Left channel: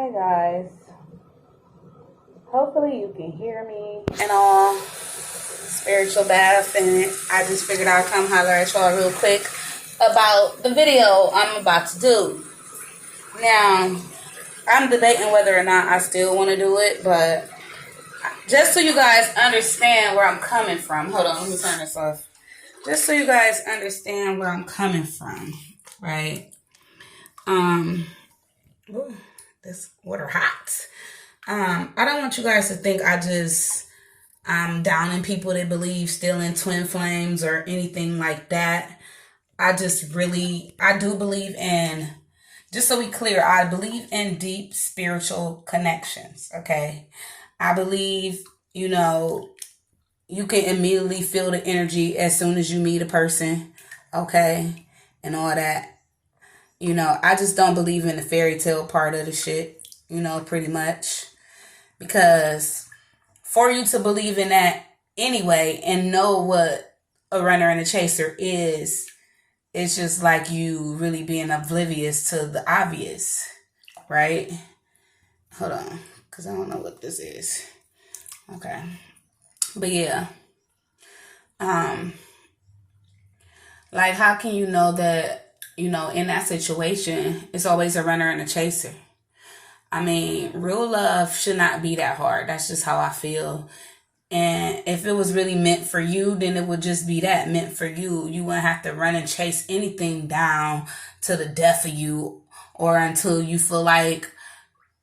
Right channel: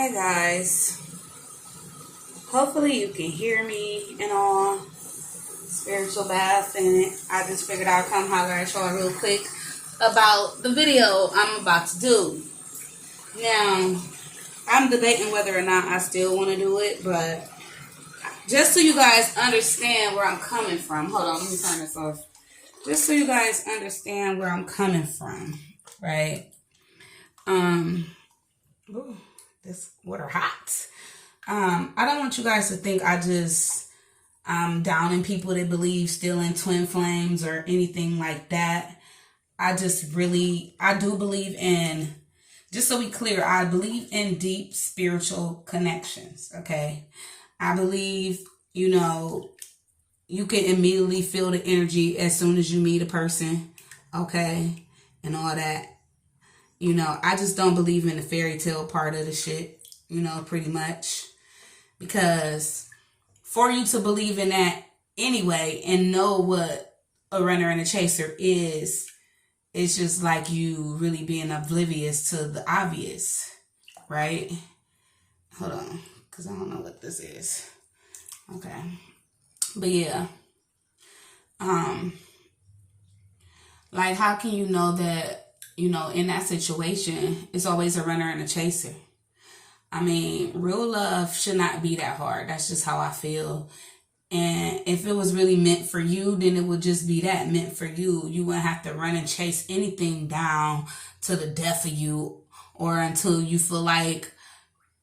Hey guys, hopefully you can hear me and all. Spiritual bath, and I just figured I'd come holler at y'all real quick about the video I'm about to do. Now, I'm debating whether or not I still want to do it, but just so you guys understand where I'm coming from. Hold on, let me turn this off. Just so you guys understand where I'm coming from, right? Ooh, this water hot. I don't want you guys to think I'm downing people that believe still in twin flames or anything like that. I do believe in, just so we clear, I believe in deep spiritual connections, okay? I believe, you can immediately feel the energy as soon as you meet a person, okay? And all that. I just don't believe in the fairy tale part of the shit, pretty much. Because for you to believe in that anyway and know what a runner and a chaser is, it's just like you really being oblivious to the obvious, right? Hold on, because I don't know what this is. Okay. But yeah. Like, how can you know that, in that situation, it's always a runner and a chaser? I mean, real love should not be that hard. That's just how I feel. And if it was really meant for you, then it would just be that, meant for you. You wouldn't have to run and chase anything down to the death of you or until you feel like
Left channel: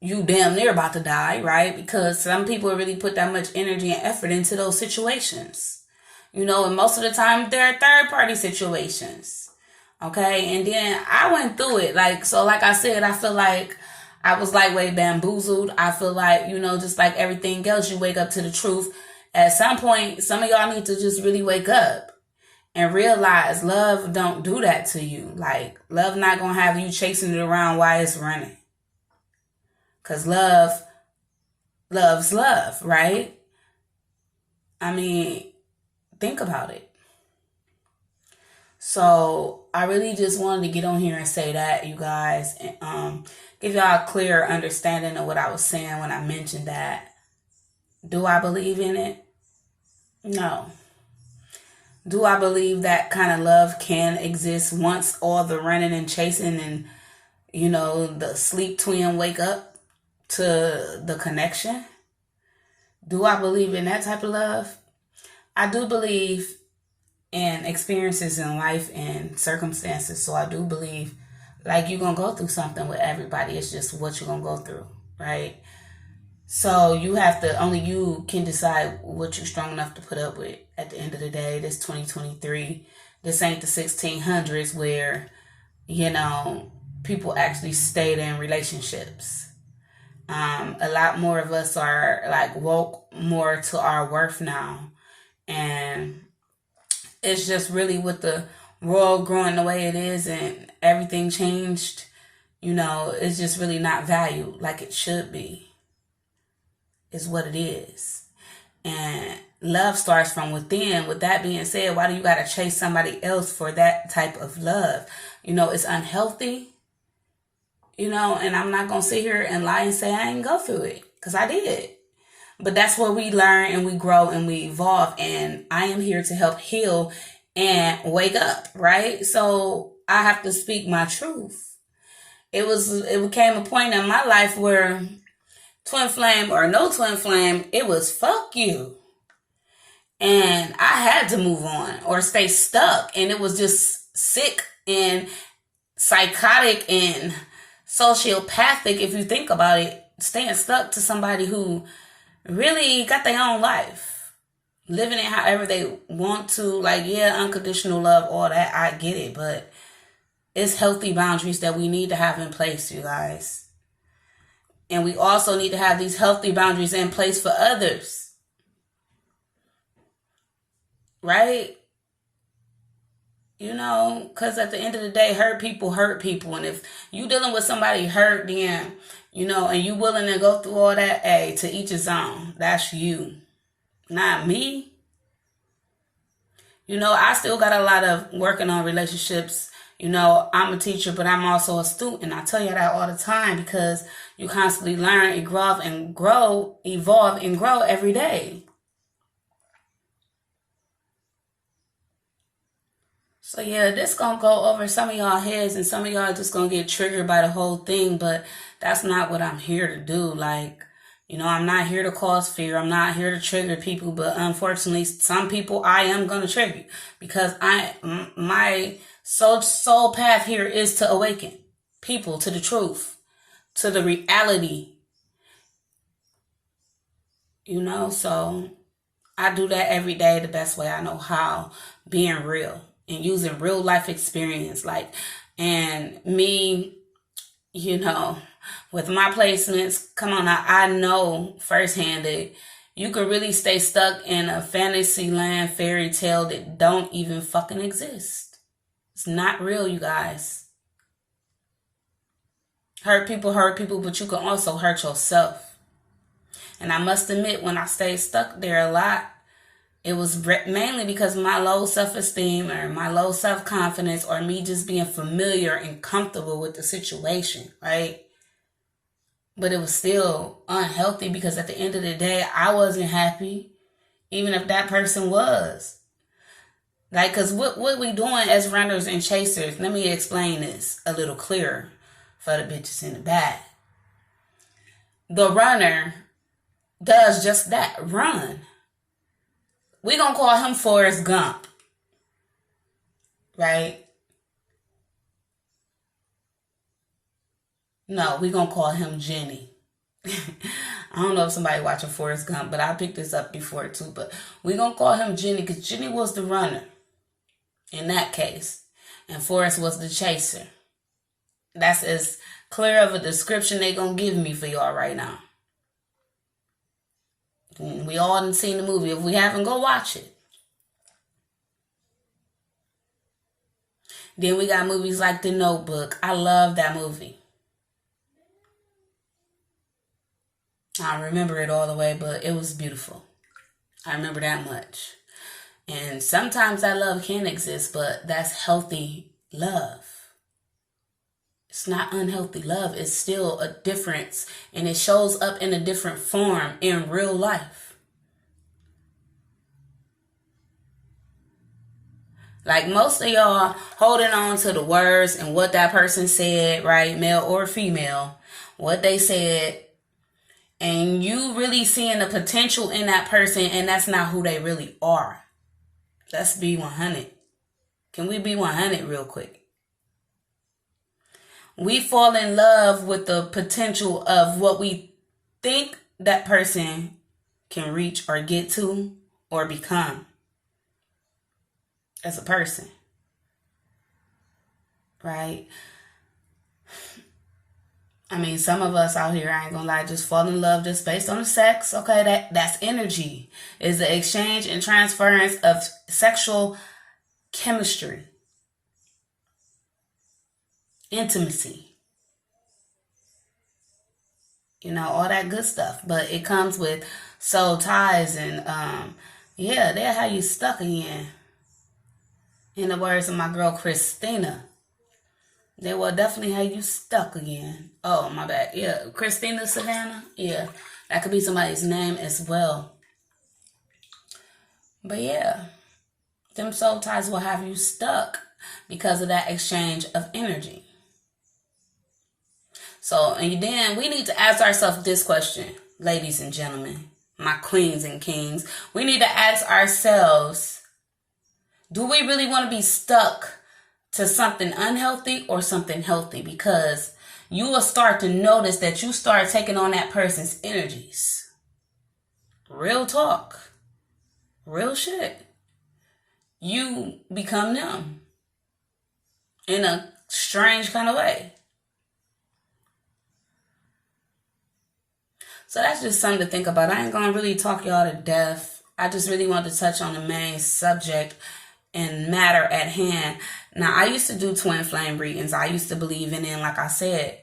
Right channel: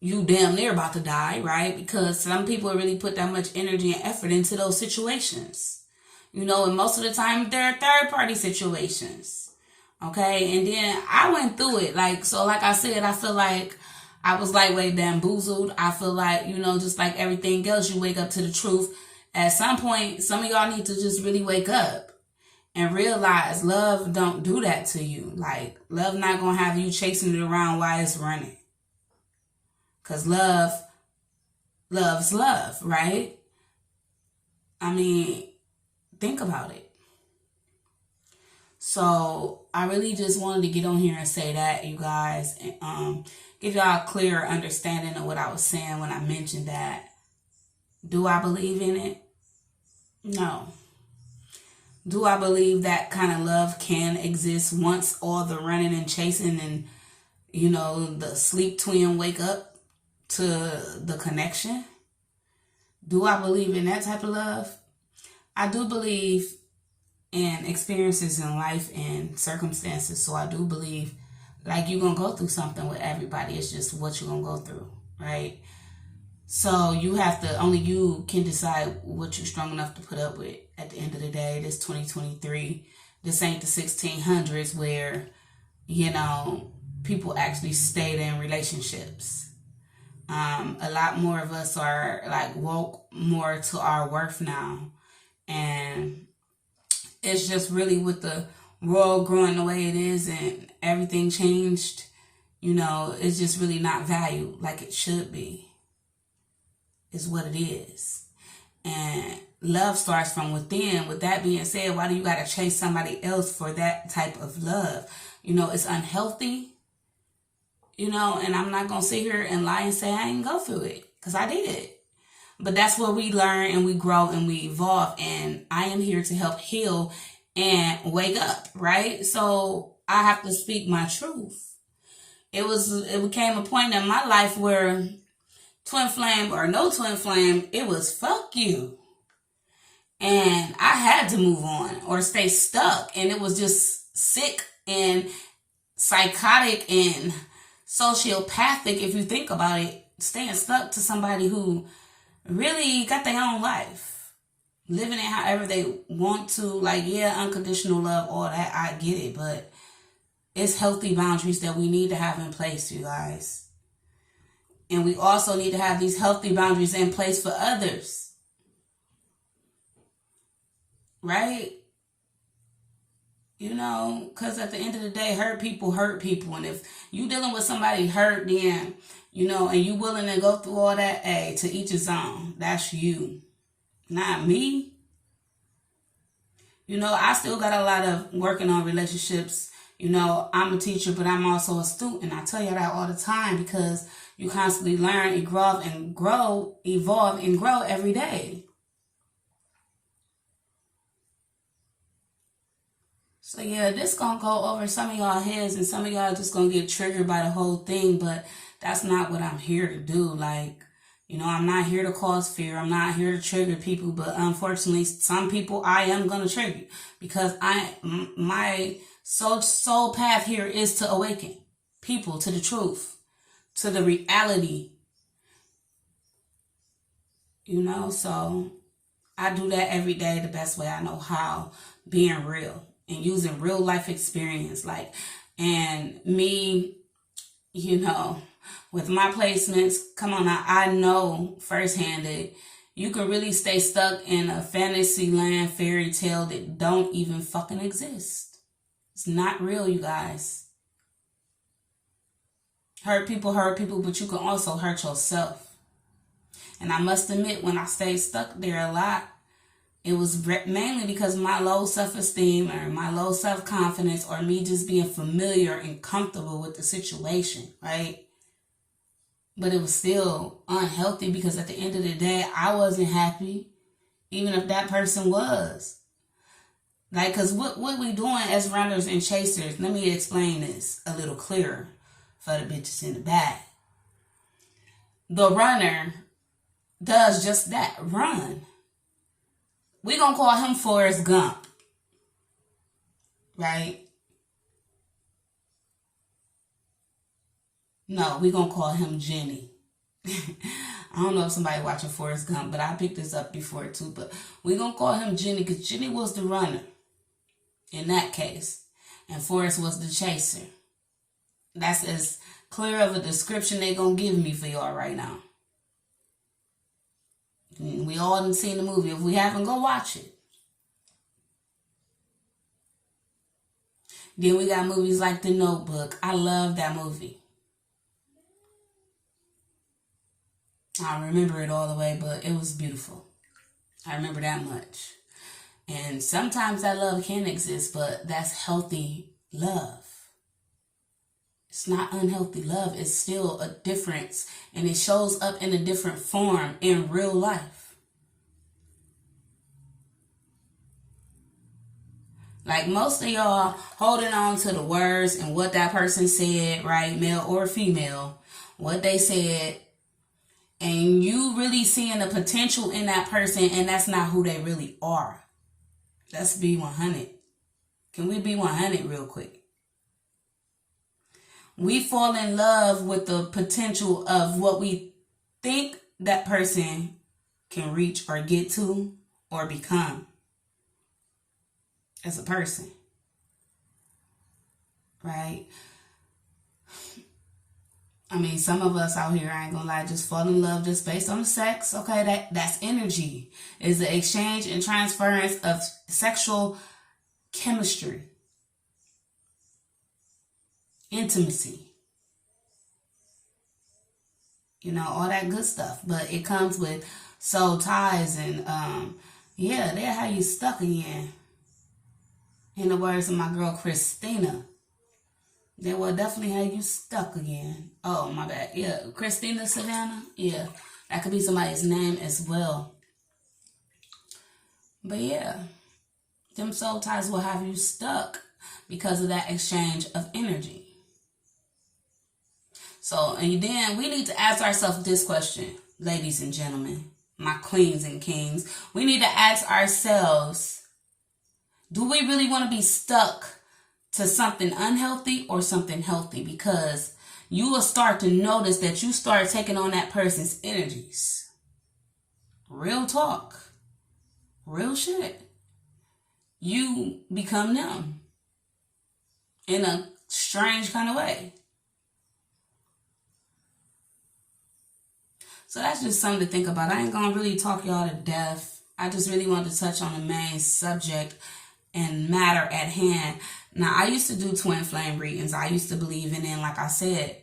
you damn near about to die, right? Because some people really put that much energy and effort into those situations. And most of the time they're third-party situations. Okay? And then I went through it. Like I said, I feel like I was way bamboozled. I feel like, just like everything else, you wake up to the truth. At some point, some of y'all need to just really wake up and realize love don't do that to you. Like, love not going to have you chasing it around while it's running. Because love loves love, right? I mean, think about it. So I really just wanted to get on here and say that, you guys, and give y'all a clear understanding of what I was saying when I mentioned that. Do I believe in it? No. Do I believe that kind of love can exist once all the running and chasing and, the sleep twin wake up to the connection? Do I believe in that type of love? I do believe in experiences in life and circumstances. So I do believe you're going to go through something with everybody. It's just what you're going to go through, right? So only you can decide what you're strong enough to put up with at the end of the day. This 2023. This ain't the 1600s where, people actually stayed in relationships. A lot more of us are woke more to our worth now. And it's just really with the world growing the way it is and everything changed, it's just really not valued like it should be. Is what it is. And love starts from within. With that being said, why do you gotta chase somebody else for that type of love? It's unhealthy. And I'm not gonna sit here and lie and say I didn't go through it, because I did. But that's where we learn and we grow and we evolve. And I am here to help heal and wake up, right? So I have to speak my truth. It became a point in my life where twin flame or no twin flame, it was fuck you. And I had to move on or stay stuck. And it was just sick and psychotic and sociopathic, if you think about it, staying stuck to somebody who really got their own life, living it however they want to. Unconditional love, all that, I get it, but it's healthy boundaries that we need to have in place, you guys. And we also need to have these healthy boundaries in place for others, right? Because at the end of the day, hurt people. And if you dealing with somebody hurt, then, and you willing to go through all that, to each his own. That's you, not me. I still got a lot of working on relationships, You know, I'm a teacher, but I'm also a student. I tell you that all the time because you constantly learn, evolve, and grow every day. So yeah, this gonna go over some of y'all heads, and some of y'all just gonna get triggered by the whole thing, but that's not what I'm here to do. Like, you know, I'm not here to cause fear. I'm not here to trigger people, but unfortunately, some people I am gonna trigger because my soul path here is to awaken people to the truth, to the reality. You know, so I do that every day the best way I know how, being real and using real life experience. Like, and me, you know, with my placements, come on now, I know firsthand that you can really stay stuck in a fantasy land fairy tale that don't even fucking exist. It's not real, you guys. Hurt people, but you can also hurt yourself. And I must admit, when I stayed stuck there a lot, it was mainly because of my low self-esteem or my low self-confidence or me just being familiar and comfortable with the situation, right? But it was still unhealthy because at the end of the day, I wasn't happy, even if that person was. Like, because what we doing as runners and chasers, let me explain this a little clearer for the bitches in the back. The runner does just that, run. We gonna call him Forrest Gump, right? No, we gonna call him Jenny. I don't know if somebody watching Forrest Gump, but I picked this up before too. But we gonna call him Jenny because Jenny was the runner in that case, and Forrest was the chaser. That's as clear of a description they gonna give me for y'all right now. We all done seen the movie. If we haven't, go watch it. Then we got movies like The Notebook. I love that movie. I don't remember it all the way, but it was beautiful. I remember that much. And sometimes that love can exist, but that's healthy love. It's not unhealthy love. It's still a difference, and it shows up in a different form in real life. Like most of y'all holding on to the words and what that person said, right? Male or female, what they said, and you really seeing the potential in that person, and that's not who they really are. Let's be 100. Can we be 100 real quick? We fall in love with the potential of what we think that person can reach or get to or become as a person, right? I mean, some of us out here, I ain't gonna lie, just fall in love just based on the sex. Okay, that's energy. Is the exchange and transference of sexual chemistry, intimacy, you know, all that good stuff. But it comes with soul ties and yeah, they'll have you stuck again. In the words of my girl Christina, they will definitely have you stuck again. Oh, my bad. Yeah, Christina Savannah. Yeah, that could be somebody's name as well. But yeah, them soul ties will have you stuck because of that exchange of energy. So, and then we need to ask ourselves this question, ladies and gentlemen, my queens and kings. We need to ask ourselves, do we really want to be stuck to something unhealthy or something healthy? Because you will start to notice that you start taking on that person's energies. Real talk. Real shit. You become them in a strange kind of way. So that's just something to think about. I ain't going to really talk y'all to death. I just really wanted to touch on the main subject and matter at hand. Now, I used to do twin flame readings. I used to believe in it. Like I said,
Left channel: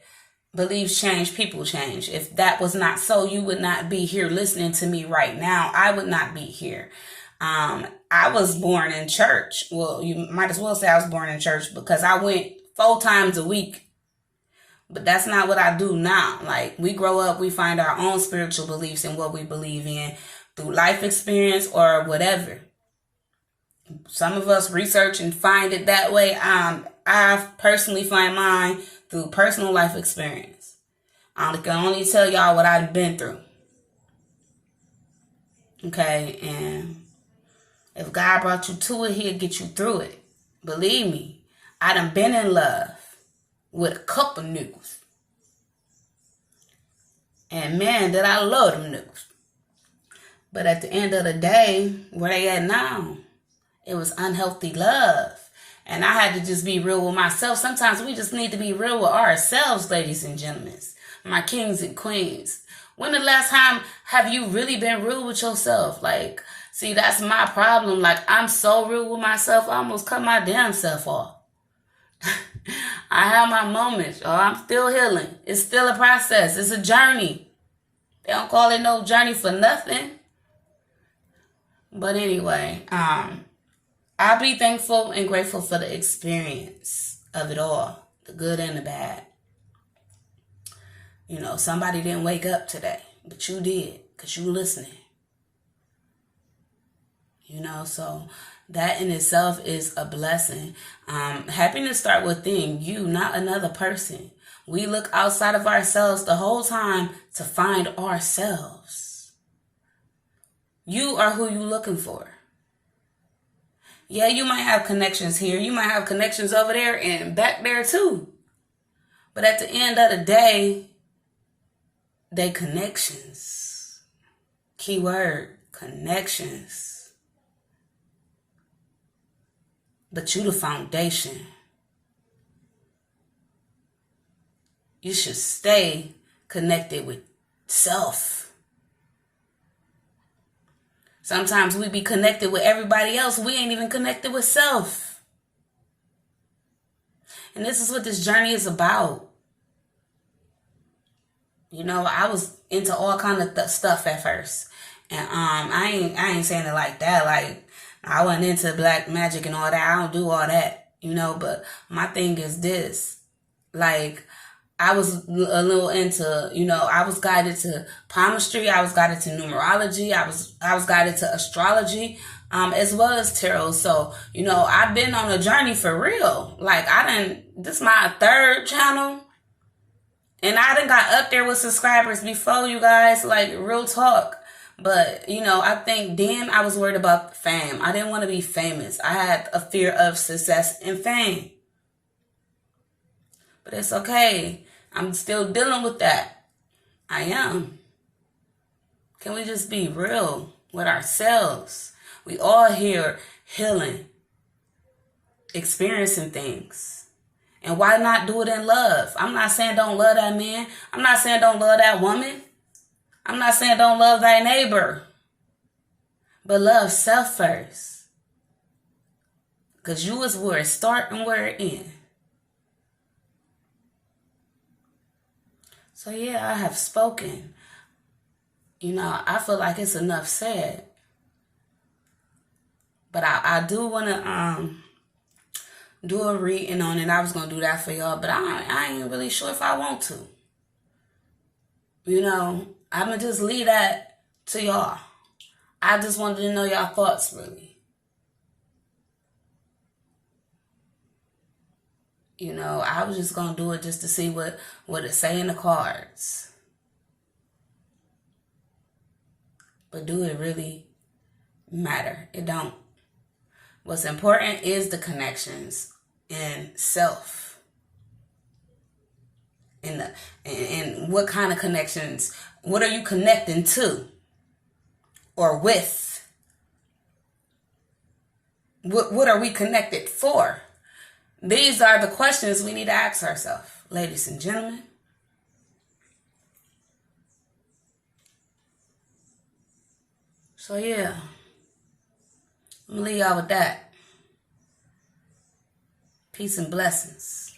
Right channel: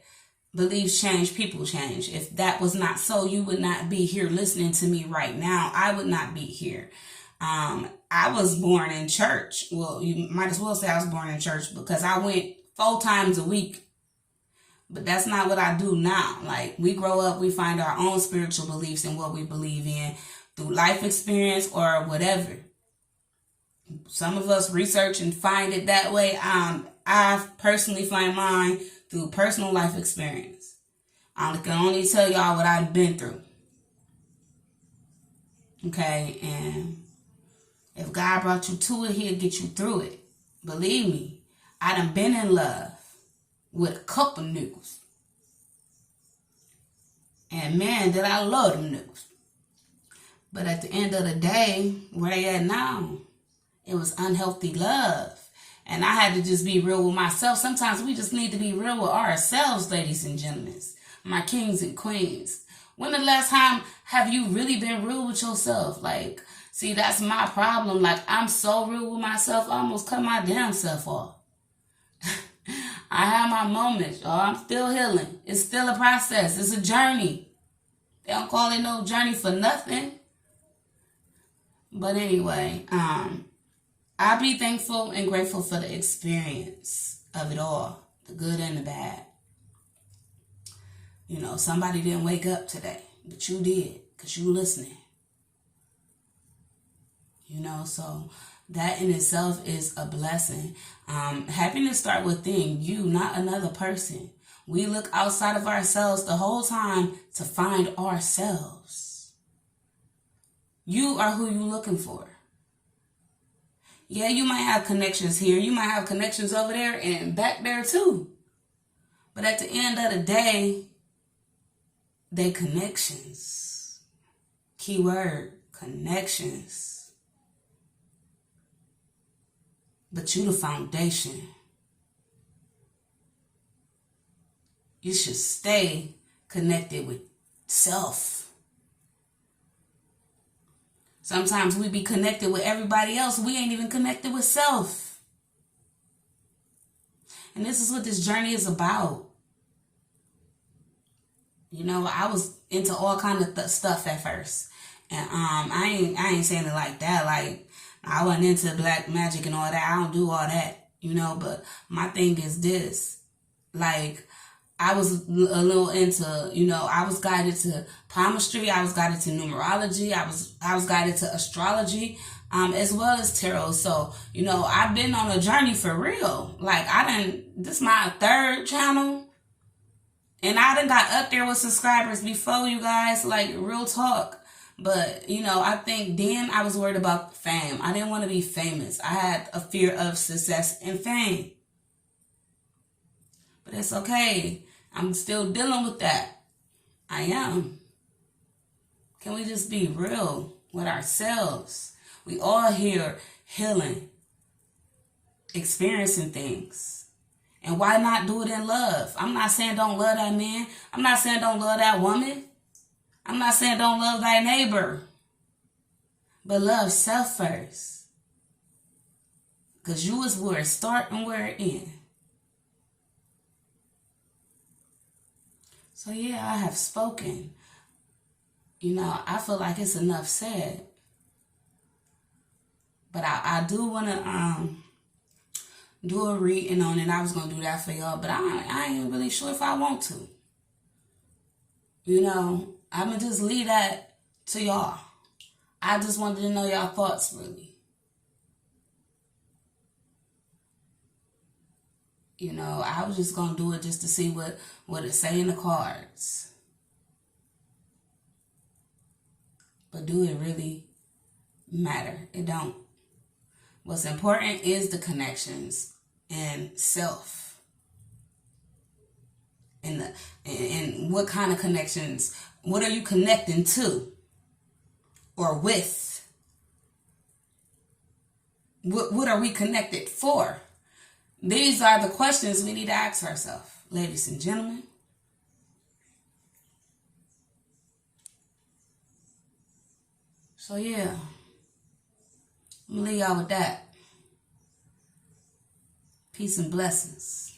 beliefs change, people change. If that was not so, you would not be here listening to me right now. I would not be here. I was born in church. Well, you might as well say I was born in church because I went 4 times a week. But that's not what I do now. Like, we grow up, we find our own spiritual beliefs and what we believe in through life experience or whatever. Some of us research and find it that way. I personally find mine through personal life experience. I can only tell y'all what I've been through. Okay, and if God brought you to it, he'll get you through it. Believe me, I done been in love with a couple niggas. And man, did I love them niggas. But at the end of the day, where they at now, it was unhealthy love. And I had to just be real with myself. Sometimes we just need to be real with ourselves, ladies and gentlemen. My kings and queens. When the last time have you really been real with yourself? Like, see, that's my problem. Like, I'm so real with myself, I almost cut my damn self off. I have my moments. Oh, I'm still healing. It's still a process. It's a journey. They don't call it no journey for nothing. But anyway, I'll be thankful and grateful for the experience of it all, the good and the bad. You know, somebody didn't wake up today, but you did because you listening. You know, so that in itself is a blessing. Happiness starts within you, not another person. We look outside of ourselves the whole time to find ourselves. You are who you're looking for. Yeah, you might have connections here. You might have connections over there and back there too. But at the end of the day, they connections. Keyword, connections. But you the foundation. You should stay connected with self. Sometimes we be connected with everybody else. We ain't even connected with self. And this is what this journey is about. You know, I was into all kind of stuff at first. And I ain't saying it like that. Like, I wasn't into black magic and all that. I don't do all that, you know. But my thing is this. Like, I was a little into, you know, I was guided to palmistry. I was guided to numerology. I was guided to astrology, as well as tarot. So, you know, I've been on a journey for real. Like, this is my 3rd channel. And I done got up there with subscribers before, you guys, like, real talk. But, you know, I think then I was worried about fame. I didn't want to be famous. I had a fear of success and fame. But it's okay. I'm still dealing with that. I am. Can we just be real with ourselves? We all here healing, experiencing things. And why not do it in love? I'm not saying don't love that man. I'm not saying don't love that woman. I'm not saying don't love thy neighbor. But love self first. Because you is where it start and where it end. So yeah, I have spoken. You know, I feel like it's enough said. But I do want to do a reading on it. I was going to do that for y'all, but I ain't really sure if I want to. You know, I'm going to just leave that to y'all. I just wanted to know y'all thoughts, really. You know, I was just going to do it just to see what it say in the cards. But do it really matter? It don't. What's important is the connections and self. And what kind of connections? What are you connecting to? Or with? What are we connected for? These are the questions we need to ask ourselves, ladies and gentlemen. So yeah, I'm gonna leave y'all with that. Peace and blessings.